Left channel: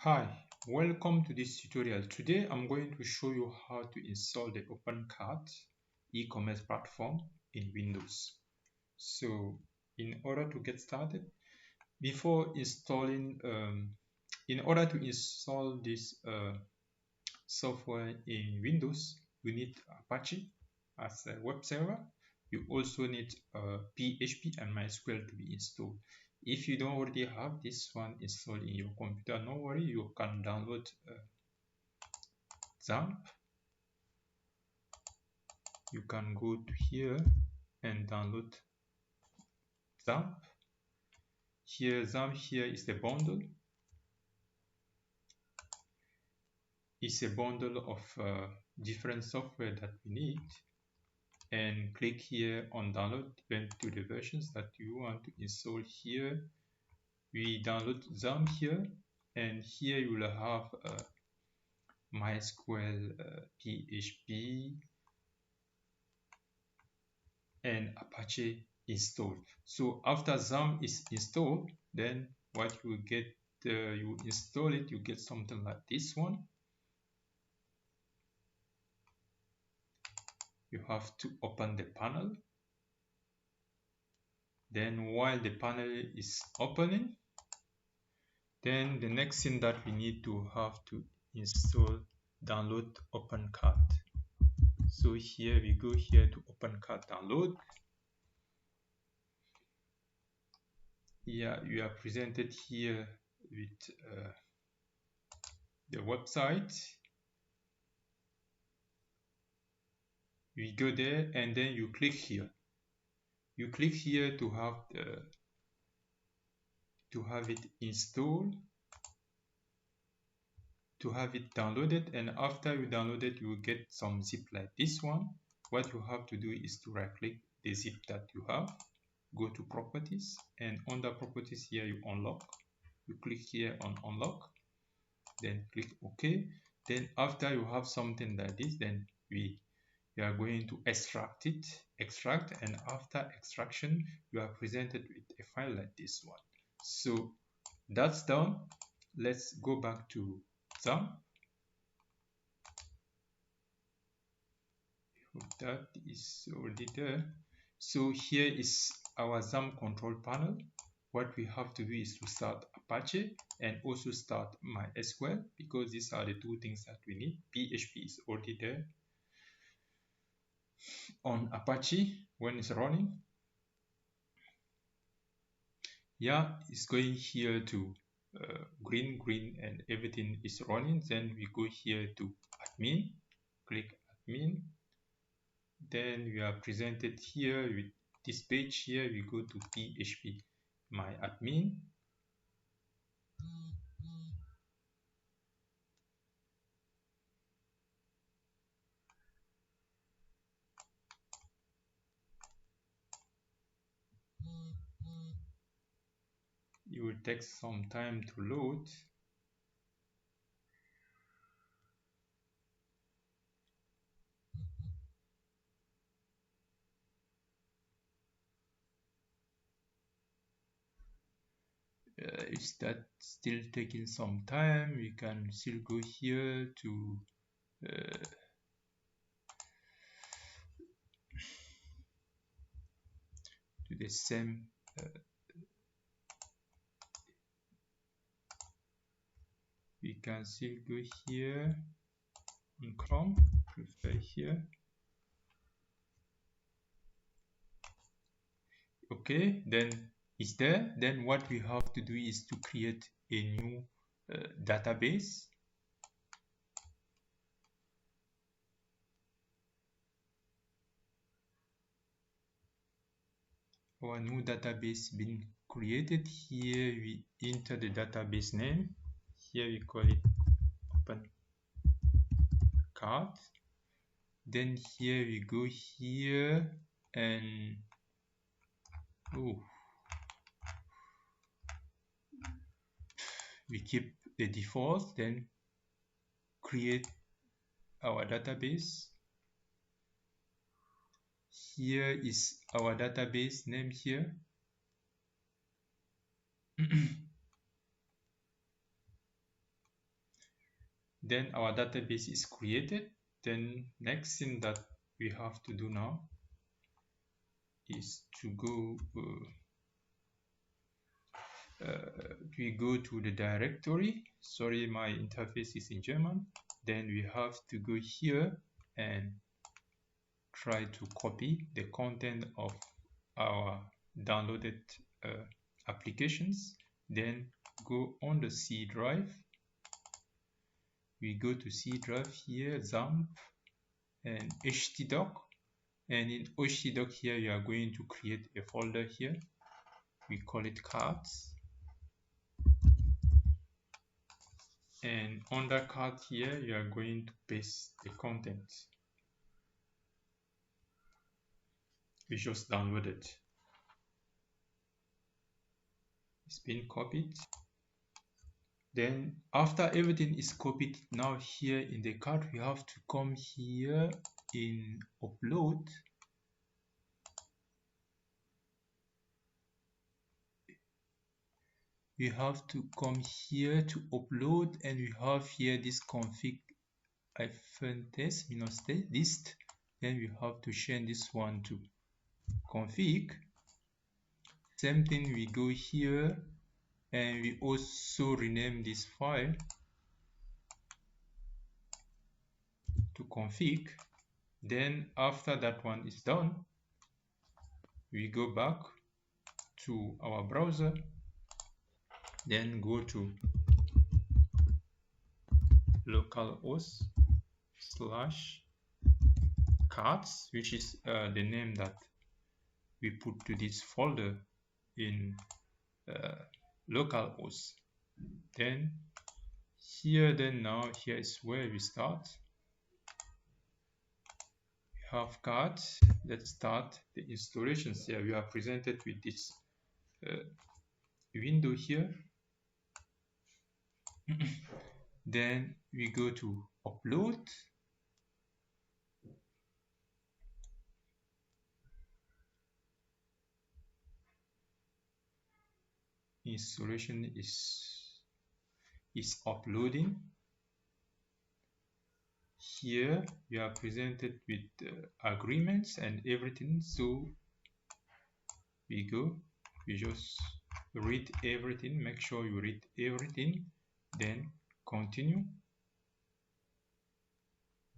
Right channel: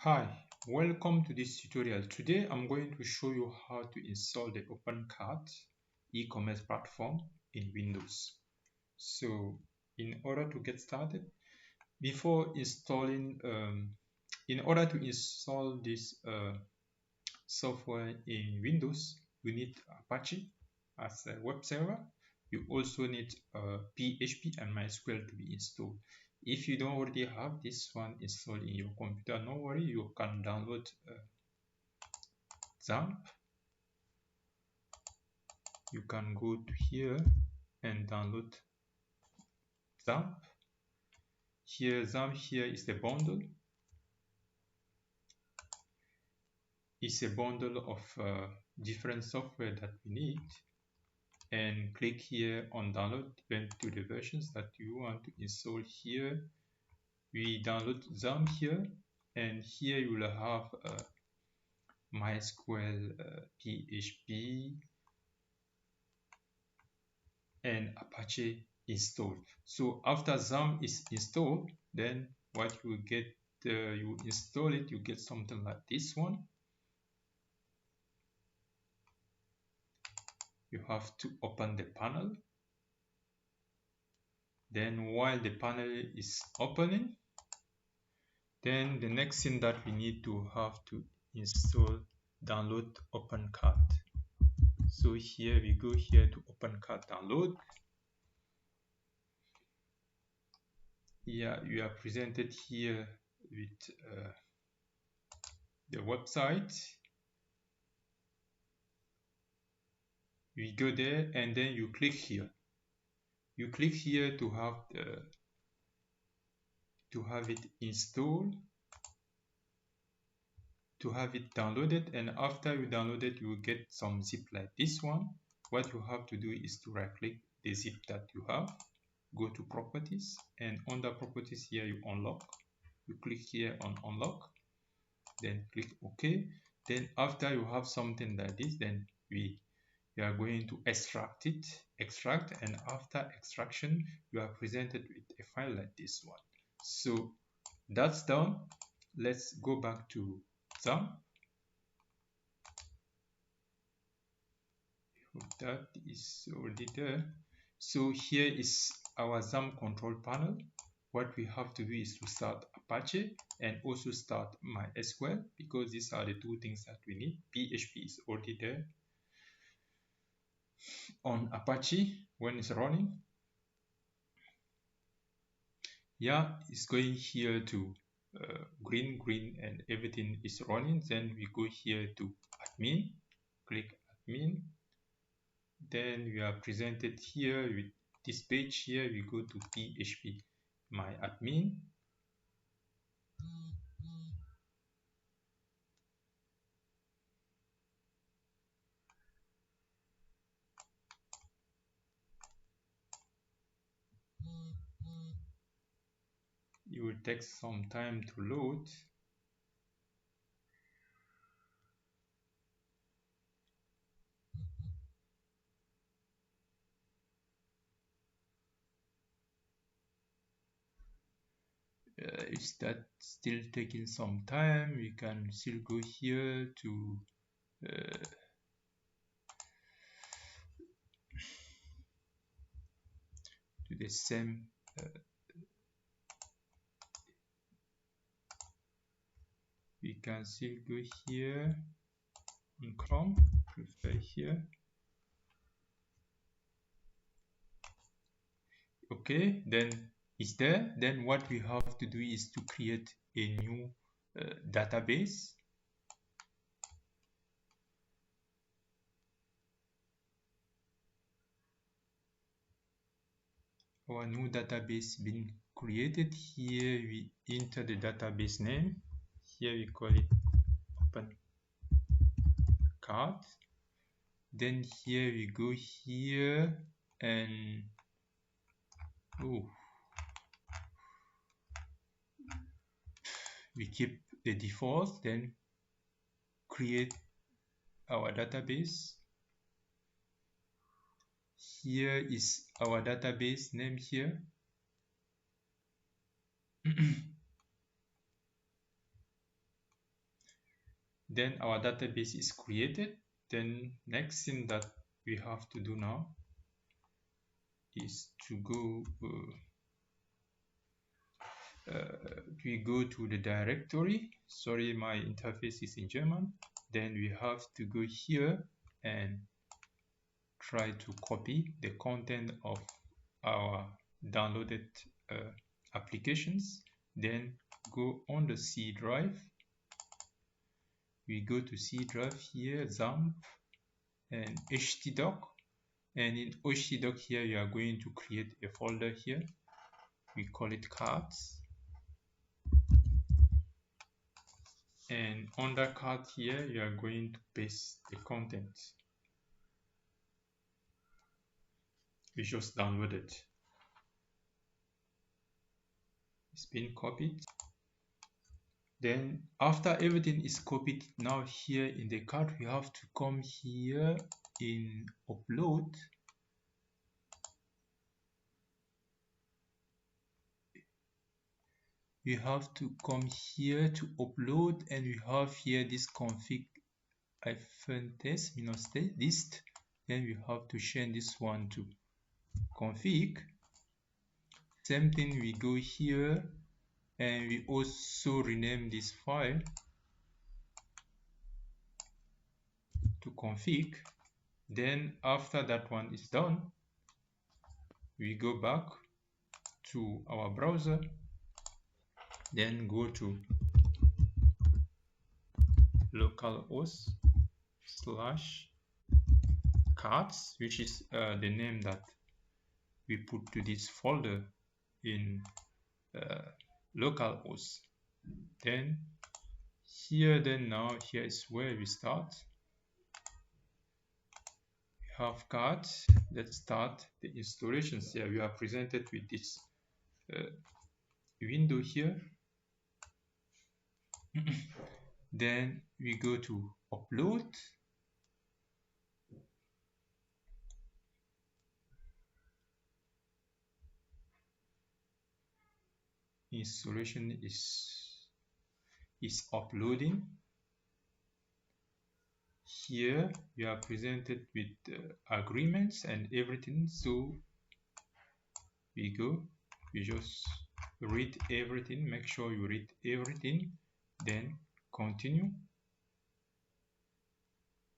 Hi, welcome to this tutorial. Today I'm going to show you how to install the OpenCart e-commerce platform in Windows. So in order to get started, before installing, in order to install this software in Windows, you need Apache as a web server. You also need PHP and MySQL to be installed. If you don't already have this one installed in your computer, no worry, you can download XAMPP. You can go to here and download XAMPP. Here, XAMPP here is the bundle. It's a bundle of different software that we need. And click here on download, depend to the versions that you want to install here. We download XAMPP here, and here you will have MySQL, PHP, and Apache installed. So after XAMPP is installed, then what you will get, you install it, you get something like this one. You have to open the panel. Then while the panel is opening, then the next thing that we need to have to install, download OpenCart. So here we go here to OpenCart download. Here you are presented here with the website. We go there and then you click here. You click here to have it installed, to have it downloaded, and after you download it, you will get some zip like this one. What you have to do is to right click the zip that you have, go to properties, and under properties here you unlock. You click here on unlock, then click OK. Then after you have something like this, then we are going to extract it, and after extraction you are presented with a file like this one. So that's done. Let's go back to XAMPP. That is already there. So here is our XAMPP control panel. What we have to do is to start Apache and also start MySQL, because these are the two things that we need. PHP is already there on Apache when it's running. Yeah, it's going here to green, and everything is running. Then we go here to admin, click admin. Then we are presented here with this page here. We go to PHP, my admin. It will take some time to load. Is that still taking some time? We can still go here to the same we can still go here on Chrome, prefer here. Okay, then it's there. Then what we have to do is to create a new database. Our new database being created. Here we enter the database name. Here we call it OpenCart. Then here we go here and we keep the default, then create our database. Here is our database name here. Then our database is created. Then next thing that we have to do now is to we go to the directory. Sorry, my interface is in German. Then we have to go here and try to copy the content of our downloaded applications. Then go on the C drive. We go to C drive here, XAMPP and htdoc. And in htdoc here, we are going to create a folder here. We call it cards. And under card here, you are going to paste the contents we just downloaded. It's been copied. Then after everything is copied, now here in the card, we have to come here in upload. We have to come here to upload, and we have here this config -test list. Then we have to change this one to config. Same thing, we go here and we also rename this file to config. Then after that one is done, we go back to our browser, then go to localhost /cards, which is the name that we put to this folder in localhost. Then here, here is where we start. We have cards. Let's start the installations. Here we are presented with this window here. Then we go to upload. Installation is uploading. Here we are presented with agreements and everything. So we just read everything. Make sure you read everything. Then continue.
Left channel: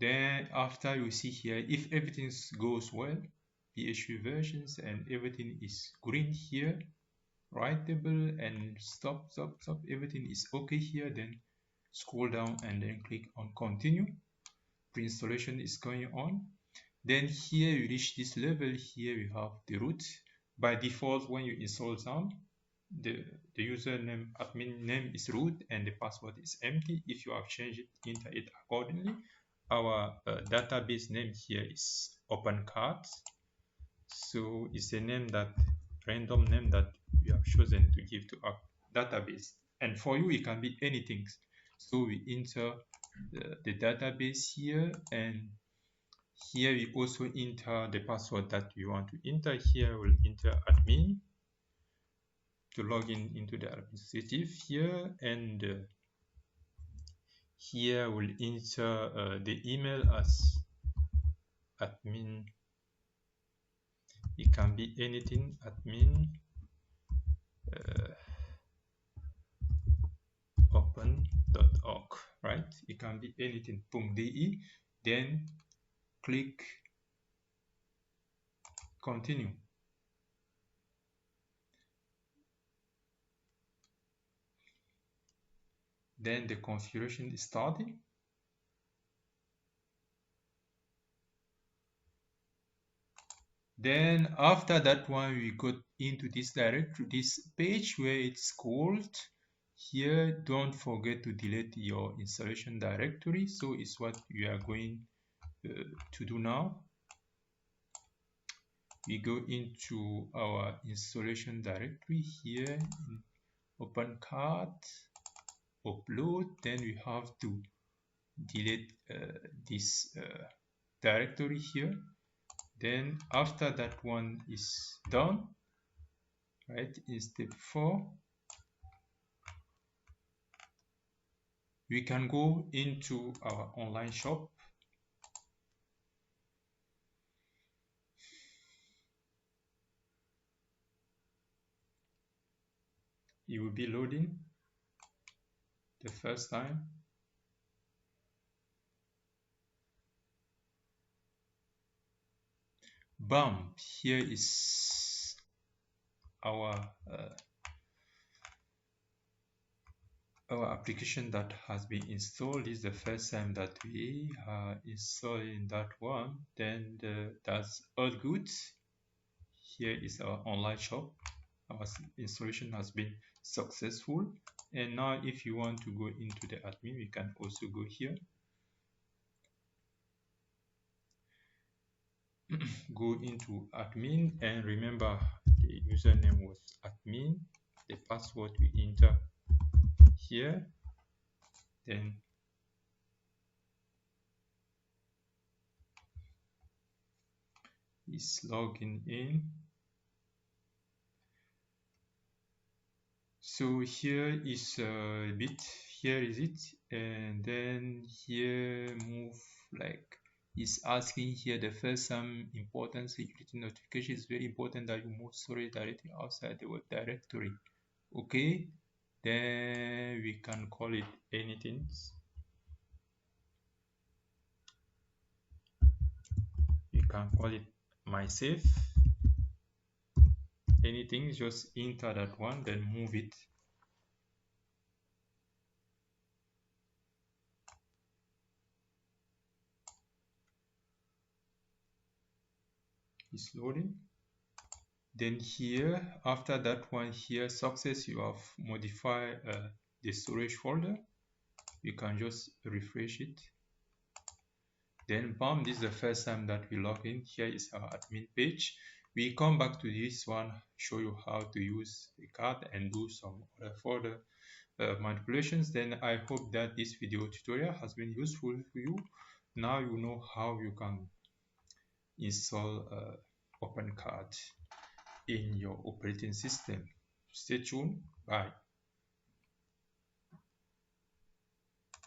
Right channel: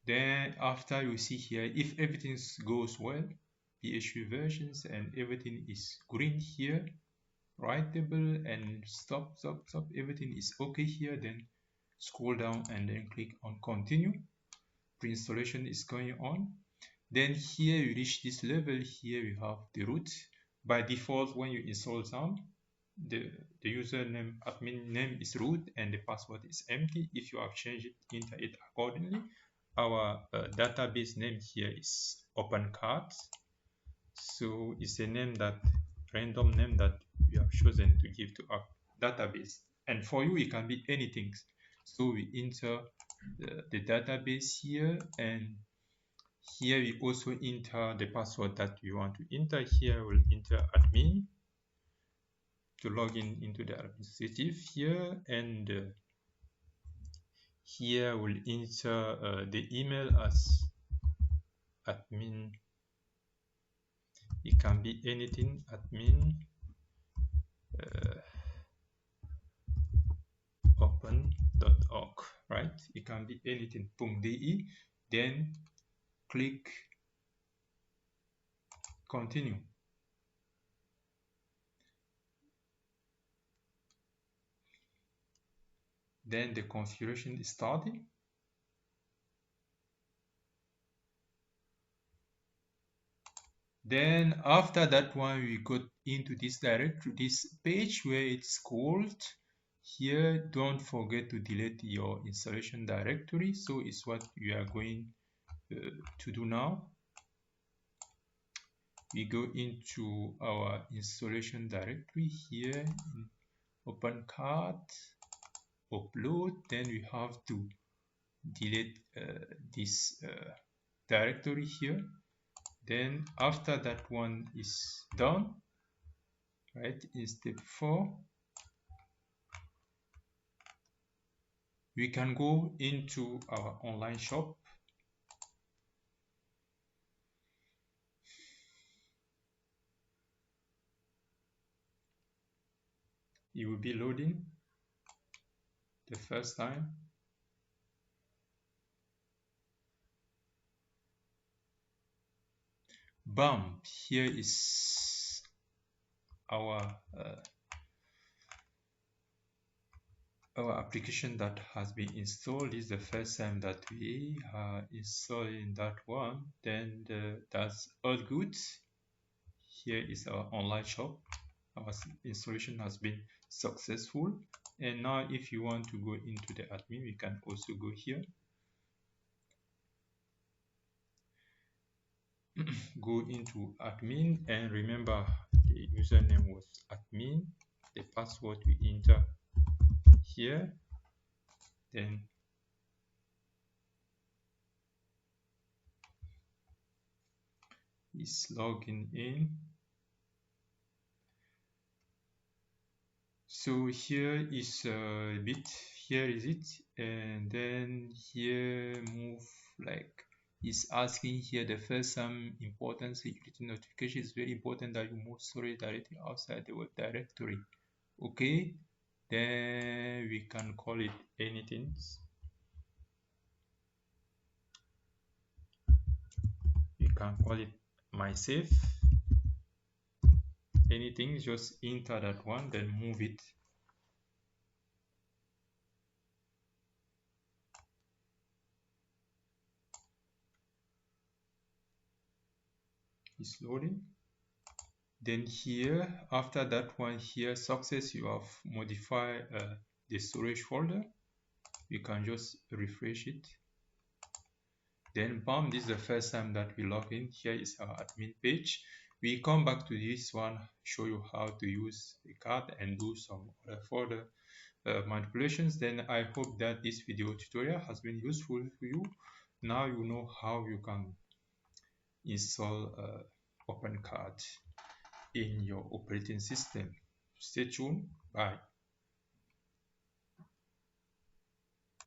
Then after you see here, if everything goes well, PHP versions and everything is green here, writable and stop, everything is okay here, then scroll down and then click on continue. Pre-installation is going on. Then here you reach this level, here we have the root. By default, when you install down, the username admin name is root and the password is empty. If you have changed it, enter it accordingly. Our database name here is OpenCart. So it's a name random name that we have chosen to give to our database. And for you, it can be anything. So we enter the database here, and here we also enter the password that we want to enter. Here we'll enter admin to log into the administrative here, and here we'll enter the email as admin. It can be anything, admin open.org, right? It can be anything, .de, then click continue. Then the configuration is starting. Then after that one, we go into this directory, this page where it's called. Here, don't forget to delete your installation directory. So it's what we are going to do now. We go into our installation directory here, OpenCart, upload. Then we have to delete this directory here. Then after that one is done, right, in step 4, we can go into our online shop. It will be loading the first time. Bam! Here is our application that has been installed. This is the first time that we are installing that one. Then that's all good. Here is our online shop. Our installation has been successful. And now if you want to go into the admin, you can also go here. Go into admin, and remember the username was admin, the password you enter here, then is logging in. So here is a bit, here is it, and then here move like is asking here the first important security notification is very important that you move storage directly outside the web directory. Okay, then we can call it anything. You can call it mysafe. Anything, just enter that one, then move it. It's loading. Then here, after that one here, success, you have modified the storage folder. You can just refresh it. Then bam, this is the first time that we log in. Here is our admin page. We come back to this one, show you how to use the card and do some further manipulations. Then I hope that this video tutorial has been useful to you. Now you know how you can install OpenCart in your operating system. Stay tuned. Bye.